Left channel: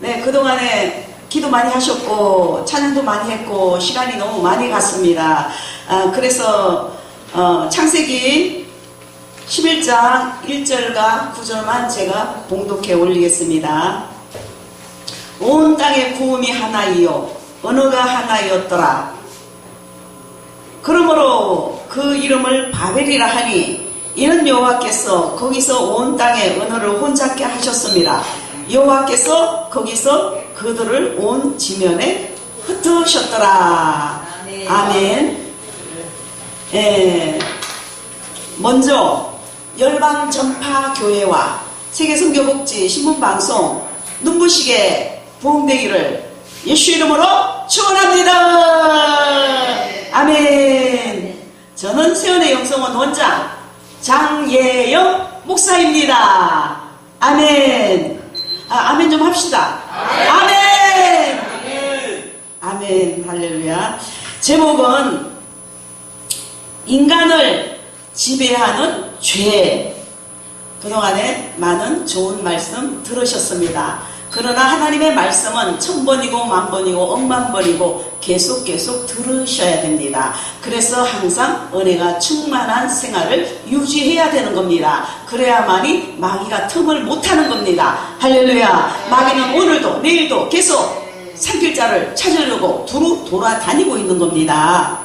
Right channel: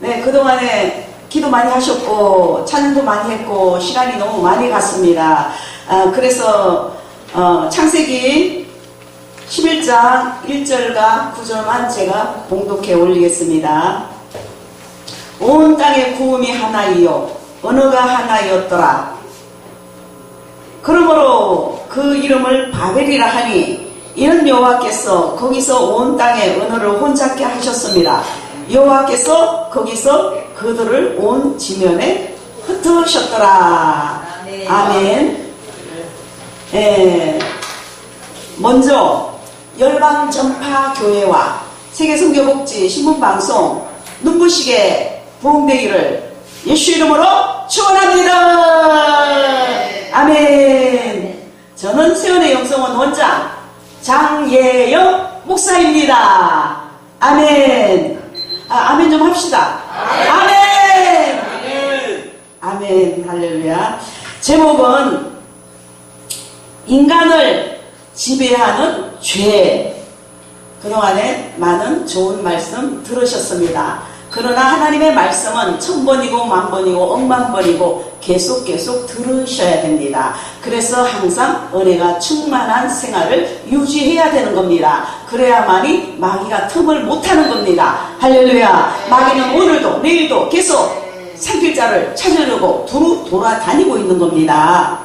네, 그동안에 기도 많이 하셨고 찬양도 많이 했고 시간이 너무 많이 갔습니다. 그래서 창세기 11장 1절과 9절만 제가 봉독해 올리겠습니다. 온 땅의 구음이 하나이요 언어가 하나이었더라. 그러므로 그 이름을 바벨이라 하니 이는 여호와께서 거기서 온 땅의 언어를 혼잡게 하셨습니다. 여호와께서 거기서 그들을 온 지면에 흩으셨더라. 아멘. 먼저 열방 전파 교회와 세계 선교복지 신문방송 눈부시게 부흥되기를 예수 이름으로 축원합니다. 아멘. 저는 세원의 영성원 원장 장예영 목사입니다. 아멘. 아멘 좀 합시다. 아멘. 아멘. 할렐루야. 제목은 인간을 지배하는 죄. 그동안에 많은 좋은 말씀 들으셨습니다. 그러나 하나님의 말씀은 1000번이고 10,000번이고 10,000번이고 계속 들으셔야 됩니다. 그래서 항상 은혜가 충만한 생활을 유지해야 되는 겁니다. 그래야만이 마귀가 틈을 못하는 겁니다. 할렐루야. 마귀는 오늘도 내일도 계속 산길자를 찾으려고 두루 돌아다니고 있는 겁니다.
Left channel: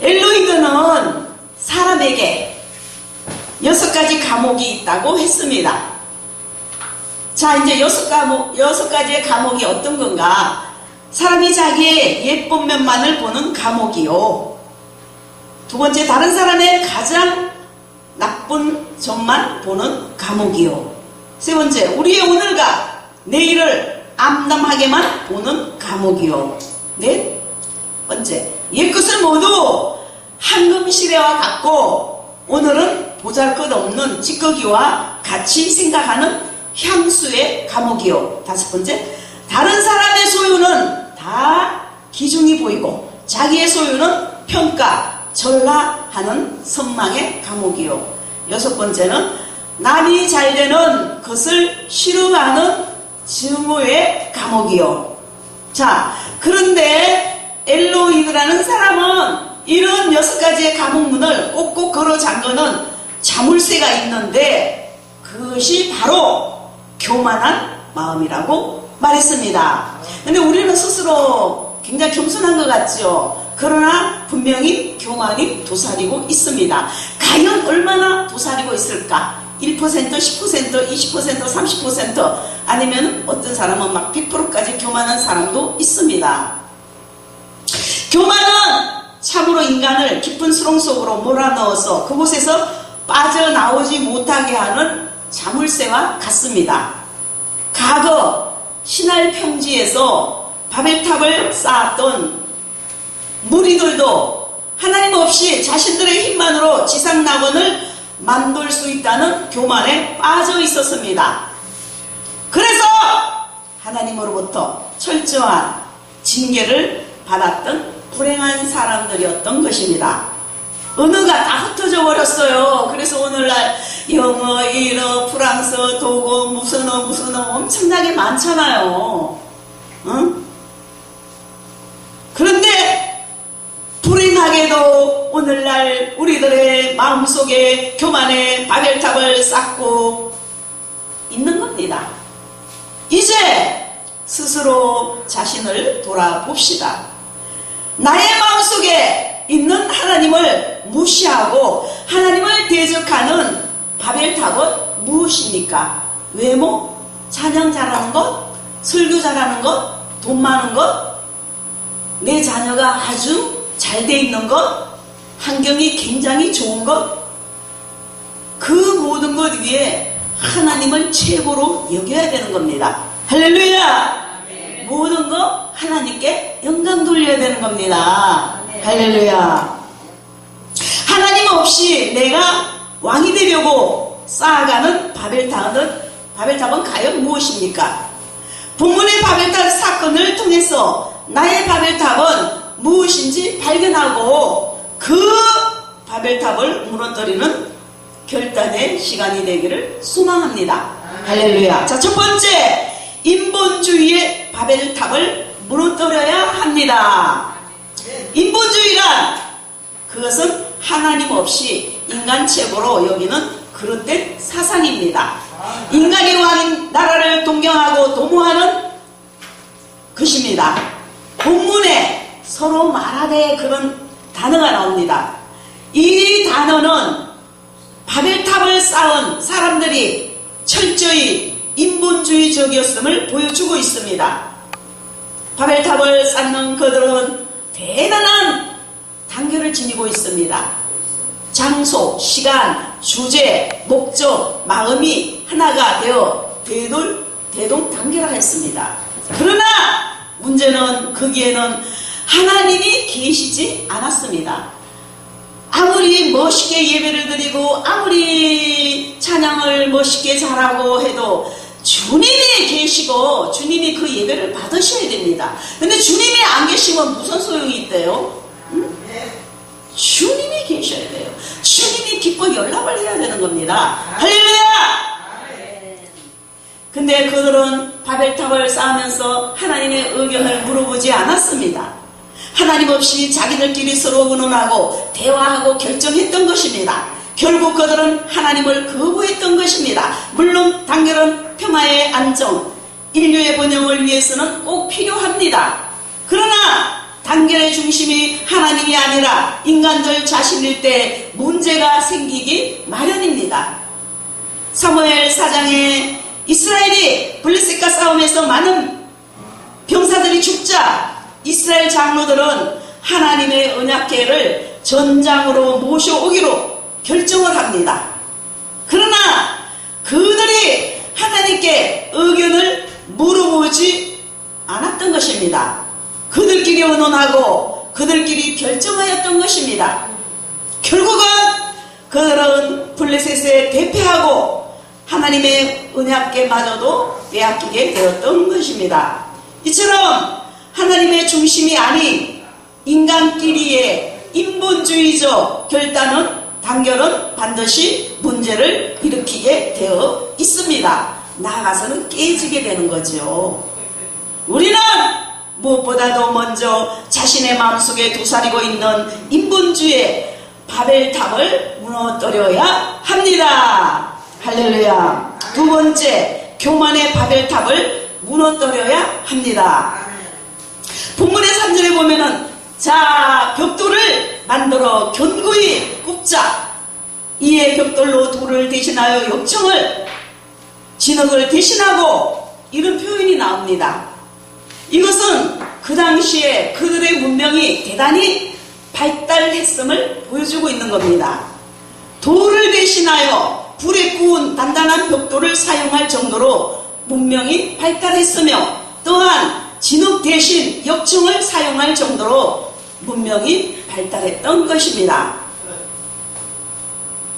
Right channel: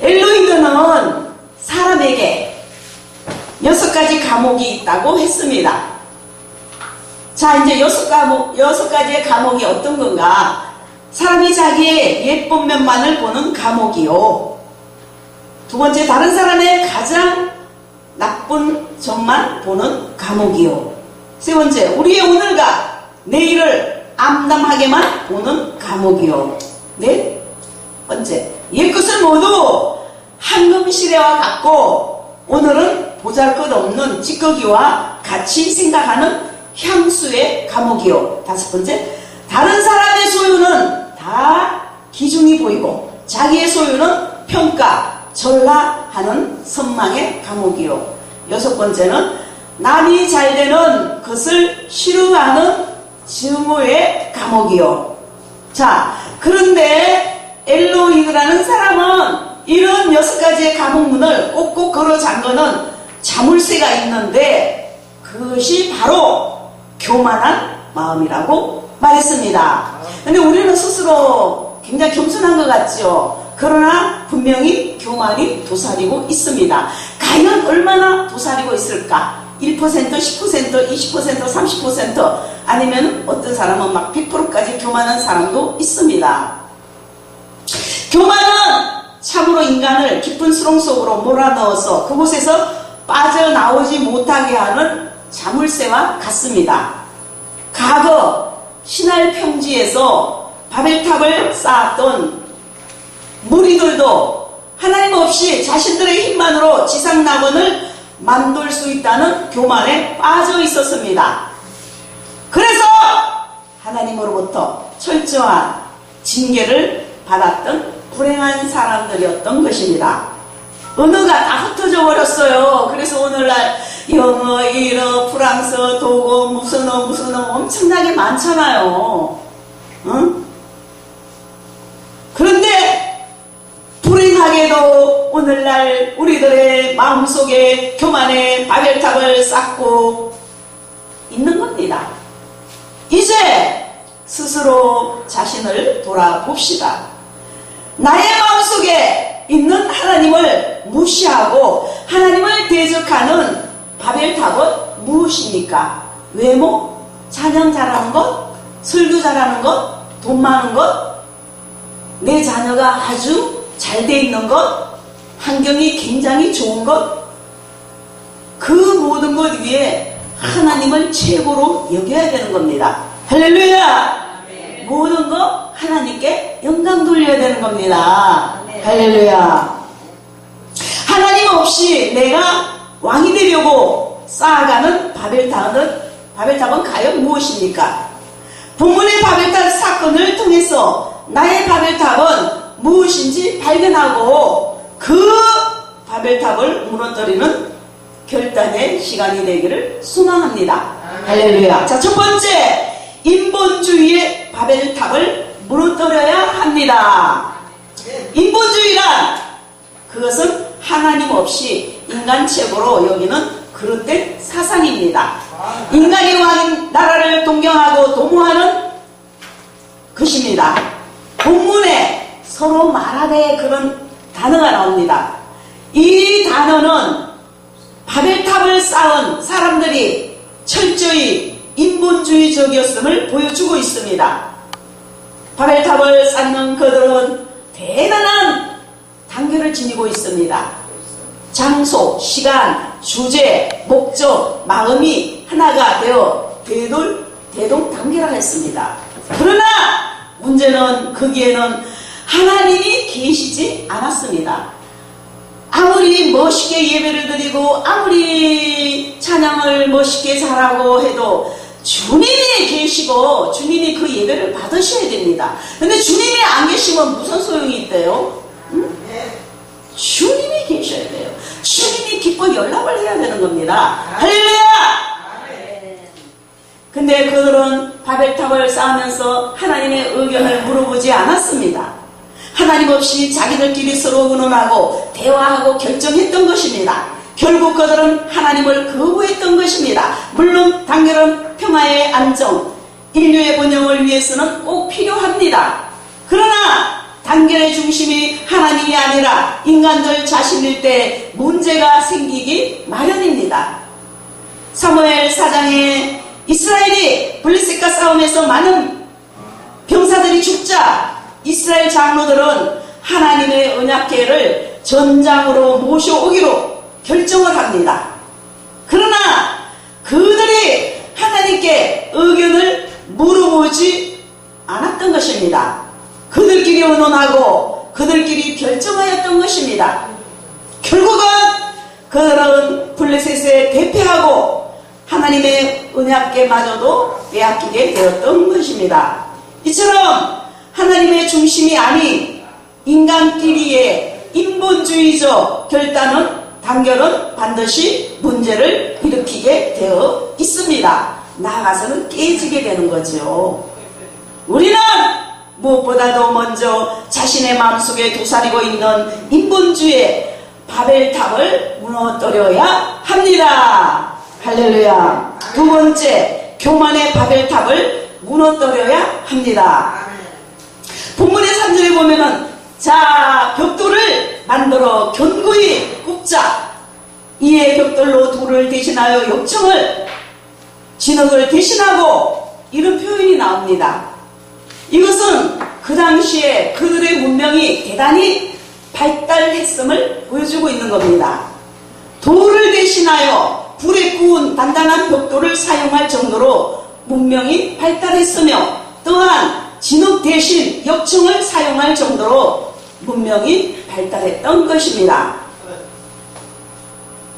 엘로이드는 사람에게 6가지 감옥이 있다고 했습니다. 자, 이제 6가지의 감옥이 어떤 건가? 사람이 자기의 예쁜 면만을 보는 감옥이요. 두 번째, 다른 사람의 가장 나쁜 점만 보는 감옥이요. 세 번째, 우리의 오늘과 내일을 암담하게만 보는 감옥이요. 네 번째, 옛것을 모두 황금시대와 같고 오늘은 보잘것없는 찌꺼기와 같이 생각하는 향수의 감옥이요. 다섯 번째, 다른 사람의 소유는 다 기중이 보이고 자기의 소유는 평가, 전라하는 선망의 감옥이요. 여섯 번째는 남이 잘되는 것을 싫어하는 증오의 감옥이요. 자, 그런데 엘로이드라는 사람은 이런 6가지의 감옥문을 꼭꼭 걸어 잠그는 자물쇠가 있는데 그것이 바로 교만한 마음이라고 말했습니다. 근데 우리는 스스로 굉장히 겸손한 것 같죠. 그러나 분명히 교만이 도사리고 있습니다. 과연 얼마나 도사리고 있을까? 1%, 10%, 20%, 30% 아니면 어떤 사람은 막 100%까지 교만한 사람도 있습니다. 교만은 참으로 인간을 깊은 수렁 속으로 몰아넣어서 그곳에서 빠져나오지 못하게 하는 자물쇠와 같습니다. 과거 신할 평지에서 바벨탑을 쌓았던 무리들도 하나님 없이 자신들의 힘만으로 지상낙원을 만들 수 있다는 교만에 빠져 있었습니다. 그래서 하나님으로부터 철저한 징계를 받았던 불행한 사람들이었던 것입니다. 언어가 다 흩어져 버렸어요. 그래서 오늘날 영어, 일어, 프랑스어, 독어, 무슨 어 엄청나게 많잖아요. 응? 그런데 불행하게도 오늘날 우리들의 마음속에 교만의 바벨탑을 쌓고 있는 겁니다. 이제 스스로 자신을 돌아봅시다. 나의 마음속에 있는 하나님을 무시하고 하나님을 대적하는 바벨탑은 무엇입니까? 외모? 찬양 잘하는 것? 설교 잘하는 것? 돈 많은 것? 내 자녀가 아주 잘 돼 있는 것? 환경이 굉장히 좋은 것? 그 모든 것 위에 하나님을 최고로 여겨야 되는 겁니다. 할렐루야! 모든 거 하나님께 영광 돌려야 되는 겁니다. 할렐루야. 하나님 없이 내가 왕이 되려고 쌓아가는 바벨탑은 과연 무엇입니까? 본문의 바벨탑 사건을 통해서 나의 바벨탑은 무엇인지 발견하고 그 바벨탑을 무너뜨리는 결단의 시간이 되기를 소망합니다. 할렐루야. 자, 첫 번째, 인본주의의 바벨탑을 무너뜨려야 합니다. 인본주의란 그것은 하나님 없이 인간 최고로 여기는 그릇된 사상입니다. 인간이 왕인 나라를 동경하고 도모하는 것입니다. 본문에 서로 말하되 그런 단어가 나옵니다. 이 단어는 바벨탑을 쌓은 사람들이 철저히 인본주의적이었음을 보여주고 있습니다. 바벨탑을 쌓는 그들은 대단한 단계를 지니고 있습니다. 장소, 시간, 주제, 목적, 마음이 하나가 되어 대동단계라 했습니다. 그러나 문제는 거기에는 하나님이 계시지 않았습니다. 아무리 멋있게 예배를 드리고 아무리 찬양을 멋있게 잘하고 해도 주님이 계시고 주님이 그 예배를 받으셔야 됩니다. 근데 주님이 안 계시면 무슨 소용이 있대요? 응? 주님이 계셔야 돼요. 주님이 기뻐 연락을 해야 되는 겁니다. 할렐루야! 근데 그들은 바벨탑을 쌓으면서 하나님의 의견을 물어보지 않았습니다. 하나님 없이 자기들끼리 서로 의논하고 대화하고 결정했던 것입니다. 결국 그들은 하나님을 거부했던 것입니다. 물론 단결은 평화의 안정, 인류의 번영을 위해서는 꼭 필요합니다. 그러나 단결의 중심이 하나님이 아니라 인간들 자신일 때 문제가 생기기 마련입니다. 사무엘 4장에 이스라엘이 블레셋과 싸움에서 많은 병사들이 죽자 이스라엘 장로들은 하나님의 언약궤를 전장으로 모셔오기로 결정을 합니다. 그러나 그들이 하나님께 의견을 물어보지 않았던 것입니다. 그들끼리 의논하고 그들끼리 결정하였던 것입니다. 결국은 그들은 블레셋에 대패하고 하나님의 언약궤마저도 빼앗기게 되었던 것입니다. 이처럼 하나님의 중심이 아닌 인간끼리의 인본주의적 단결은 반드시 문제를 일으키게 되어 있습니다. 나아가서는 깨지게 되는 거죠. 우리는 무엇보다도 먼저 자신의 마음속에 도사리고 있는 인본주의의 바벨탑을 무너뜨려야 합니다. 할렐루야. 두 번째, 교만의 바벨탑을 무너뜨려야 합니다. 본문의 3절에 보면은 자, 벽돌을 만들어 견고히 굽자. 이에 벽돌로 돌을 대신하여 역청을 진흙을 대신하고 이런 표현이 나옵니다. 이것은 그 당시에 그들의 문명이 대단히 발달했음을 보여주고 있는 겁니다. 돌을 대신하여 불에 구운 단단한 벽돌을 사용할 정도로 문명이 발달했으며 또한 진흙 대신 역청을 사용할 정도로 문명이 발달했던 것입니다.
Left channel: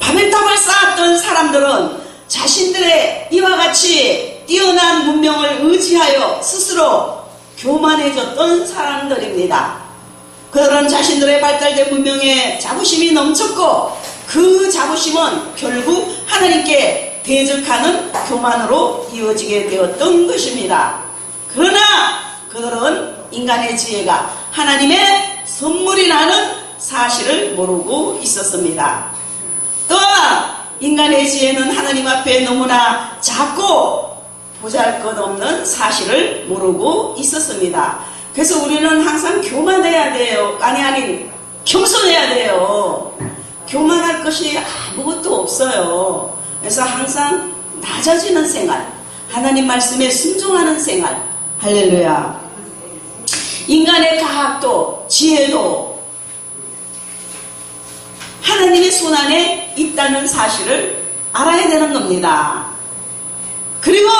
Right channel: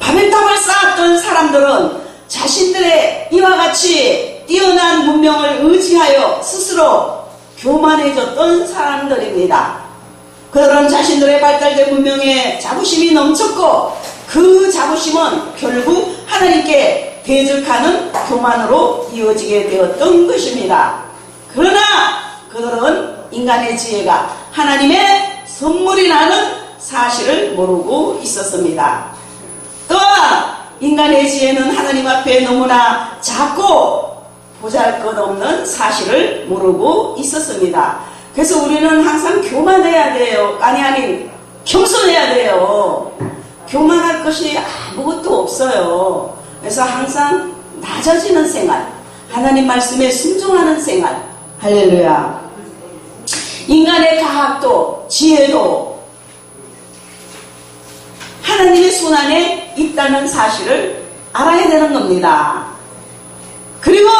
바벨탑을 쌓았던 사람들은 자신들의 이와 같이 뛰어난 문명을 의지하여 스스로 교만해졌던 사람들입니다. 그들은 자신들의 발달된 문명에 자부심이 넘쳤고 그 자부심은 결국 하나님께 대적하는 교만으로 이어지게 되었던 것입니다. 그러나 그들은 인간의 지혜가 하나님의 선물이라는 사실을 모르고 있었습니다. 또한 인간의 지혜는 하나님 앞에 너무나 작고 보잘것없는 사실을 모르고 있었습니다. 그래서 우리는 항상 교만해야 돼요. 아니 겸손해야 돼요. 교만할 것이 아무것도 없어요. 그래서 항상 낮아지는 생활, 하나님 말씀에 순종하는 생활. 할렐루야. 인간의 가학도 지혜도 하나님의 손안에 있다는 사실을 알아야 되는 겁니다. 그리고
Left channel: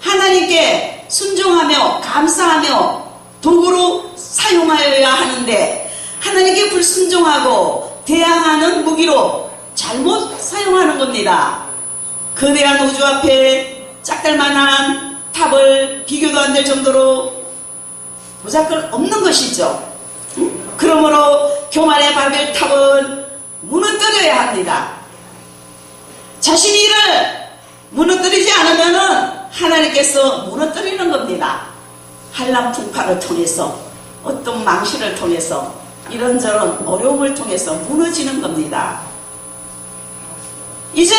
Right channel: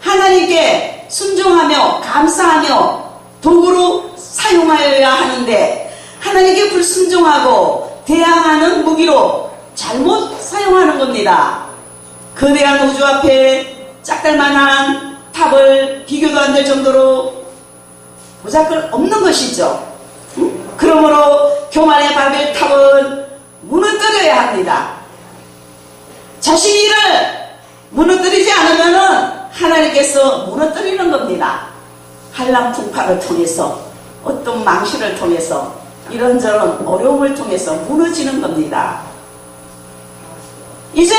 하나님께 순종하며 감사하며 도구로 사용하여야 하는데 하나님께 불순종하고 대항하는 무기로 잘못 사용하는 겁니다. 거대한 우주 앞에 짝달만한 탑을 비교도 안 될 정도로 보잘것 없는 것이죠. 그러므로 교만의 바벨탑은 무너뜨려야 합니다. 자신의 일을 무너뜨리지 않으면은 하나님께서 무너뜨리는 겁니다. 한람풍파를 통해서, 어떤 망신을 통해서, 이런저런 어려움을 통해서 무너지는 겁니다. 이제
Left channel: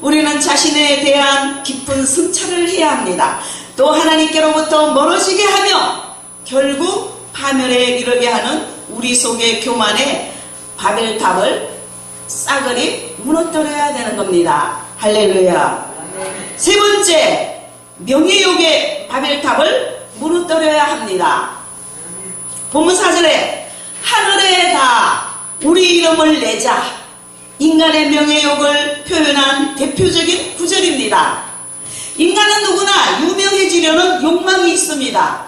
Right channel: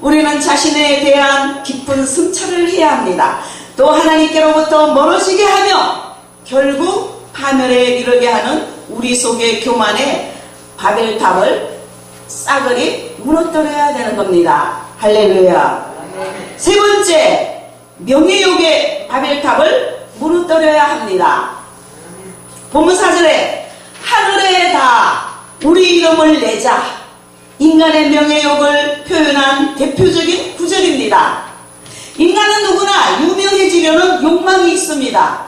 우리는 자신에 대한 깊은 성찰을 해야 합니다. 또 하나님께로부터 멀어지게 하며 결국 파멸에 이르게 하는 우리 속의 교만의 바벨탑을 싸그리 무너뜨려야 되는 겁니다. 할렐루야. 세 번째, 명예욕의 바벨탑을 무너뜨려야 합니다. 본문 4절에 하늘에 다 우리 이름을 내자, 인간의 명예욕을 표현한 대표적인 구절입니다. 인간은 누구나 유명해지려는 욕망이 있습니다.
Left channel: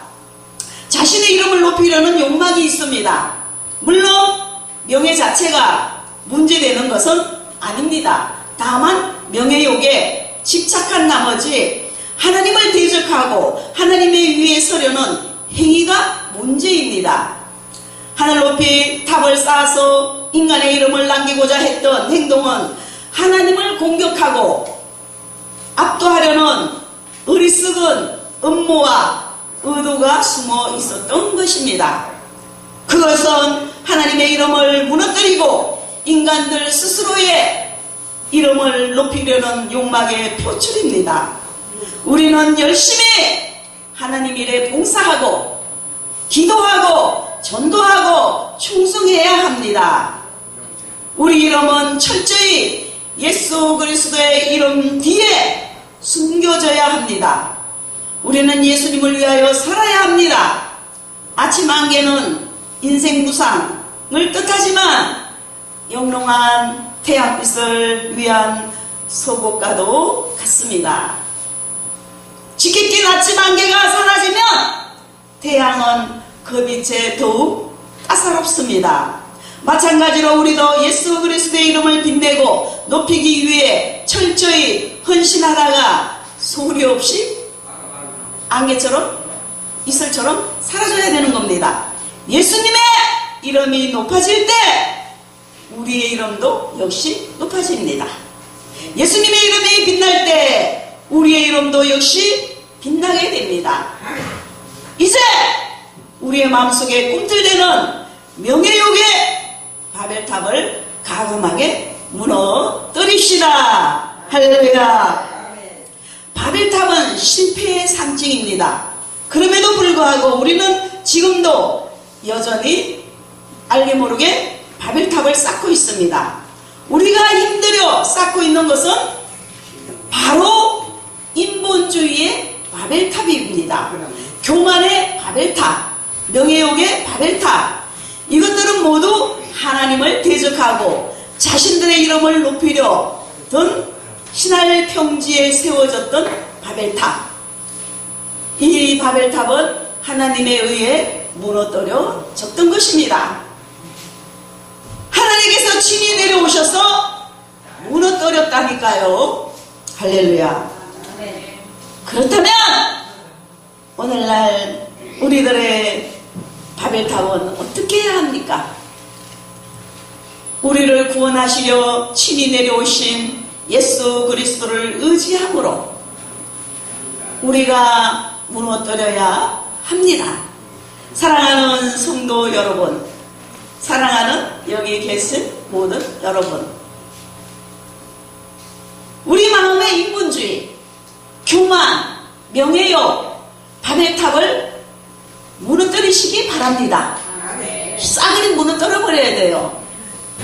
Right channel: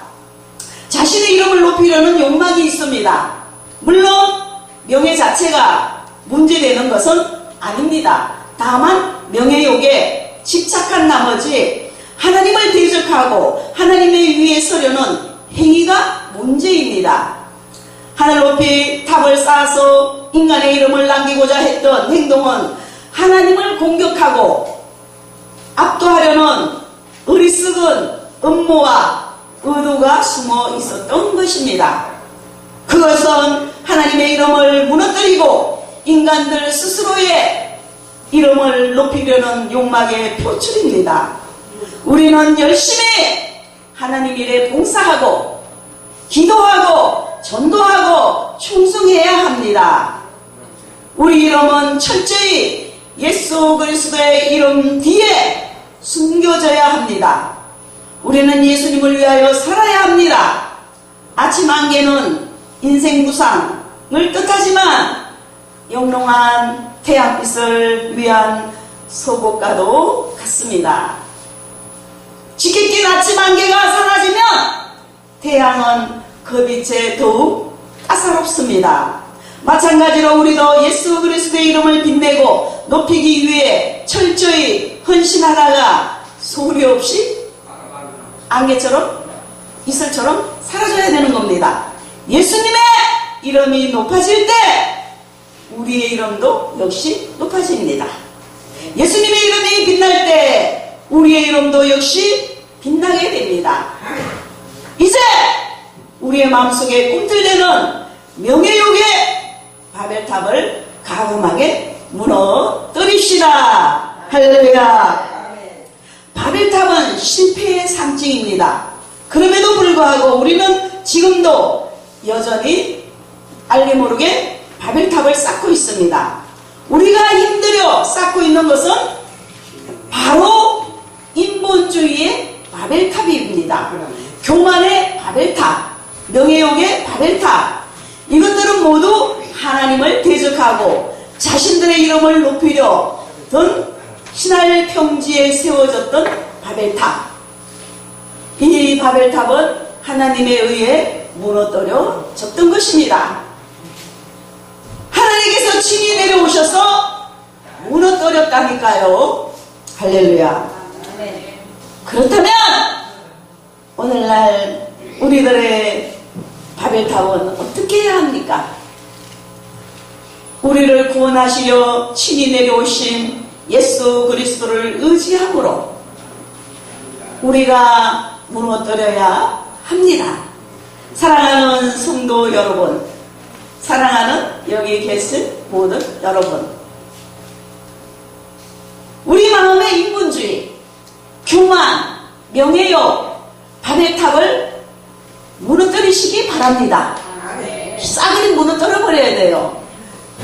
자신의 이름을 높이려는 욕망이 있습니다. 물론 명예 자체가 문제되는 것은 아닙니다. 다만 명예욕에 집착한 나머지 하나님을 대적하고 하나님의 위에 서려는 행위가 문제입니다. 하늘 높이 탑을 쌓아서 인간의 이름을 남기고자 했던 행동은 하나님을 공격하고 압도하려는 어리석은 음모와 의도가 숨어 있었던 것입니다. 그것은 하나님의 이름을 무너뜨리고 인간들 스스로의 이름을 높이려는 욕망의 표출입니다. 우리는 열심히 하나님 일에 봉사하고 기도하고 전도하고 충성해야 합니다. 우리 이름은 철저히 예수 그리스도의 이름 뒤에 숨겨져야 합니다. 우리는 예수님을 위하여 살아야 합니다. 아침 안개는 인생 무상을 뜻하지만 영롱한 태양빛을 위한 소곡과도 같습니다. 지kit긴 아침 안개가 사라지면 태양은 그 빛에 더욱 까사롭습니다. 마찬가지로 우리도 예수 그리스도의 이름을 빛내고 높이기 위해 철저히 헌신하다가 소리 없이 안개처럼 이슬처럼 사라져야 되는 겁니다. 예수님의 이름이 높아질 때 우리의 이름도 역시 높아집니다. 예수님의 이름이 빛날 때 우리의 이름도 역시 빛나게 됩니다. 이제 우리의 마음속에 꿈틀대는 명예욕의 바벨탑을 가금하게 무너뜨립시다. 할렐루야. 바벨탑은 실패의 상징입니다. 그럼에도 불구하고 우리는 지금도 여전히 알게 모르게 바벨탑을 쌓고 있습니다. 우리가 힘들여 쌓고 있는 것은 바로 인본주의의 바벨탑입니다. 교만의 바벨탑, 명예욕의 바벨탑, 이것들은 모두 하나님을 대적하고 자신들의 이름을 높이려던 신할 평지에 세워졌던 바벨탑. 이 바벨탑은 하나님에 의해 무너뜨려졌던 것입니다. 하나님께서 친히 내려오셔서 무너뜨렸다니까요. 할렐루야. 그렇다면 오늘날 우리들의 바벨탑은 어떻게 해야 합니까? 우리를 구원하시려 친히 내려오신 예수 그리스도를 의지함으로 우리가 무너뜨려야 합니다. 사랑하는 성도 여러분, 사랑하는 여기 계신 모든 여러분, 우리 마음의 인본주의, 교만, 명예욕, 바벨탑을 무너뜨리시기 바랍니다. 싸그리 무너뜨려버려야 돼요.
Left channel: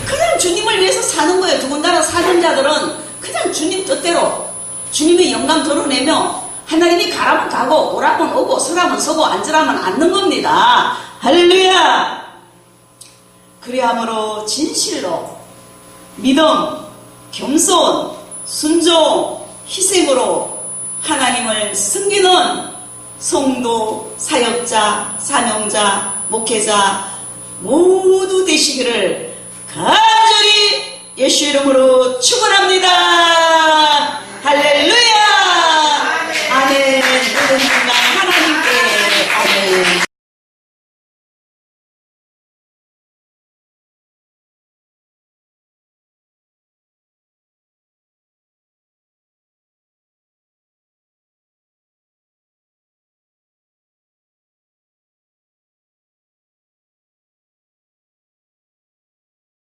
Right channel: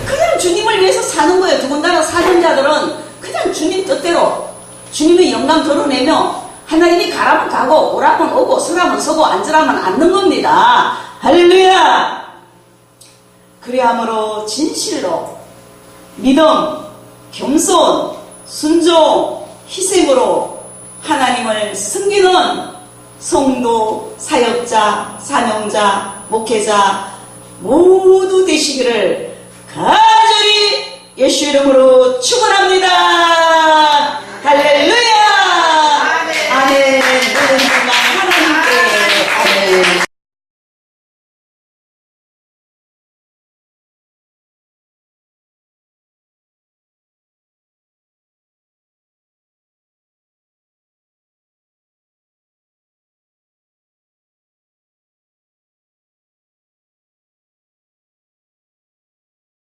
그냥 주님을 위해서 사는 거예요. 더군다나 사전자들은 그냥 주님 뜻대로 주님의 영광 드러내며 하나님이 가라면 가고 오라면 오고 서라면 서고 앉으라면 앉는 겁니다. 할렐루야. 그리함으로 진실로 믿음, 겸손, 순종, 희생으로 하나님을 섬기는 성도, 사역자, 사명자, 목회자 모두 되시기를 간절히 예수 이름으로 축원합니다. 할렐루야.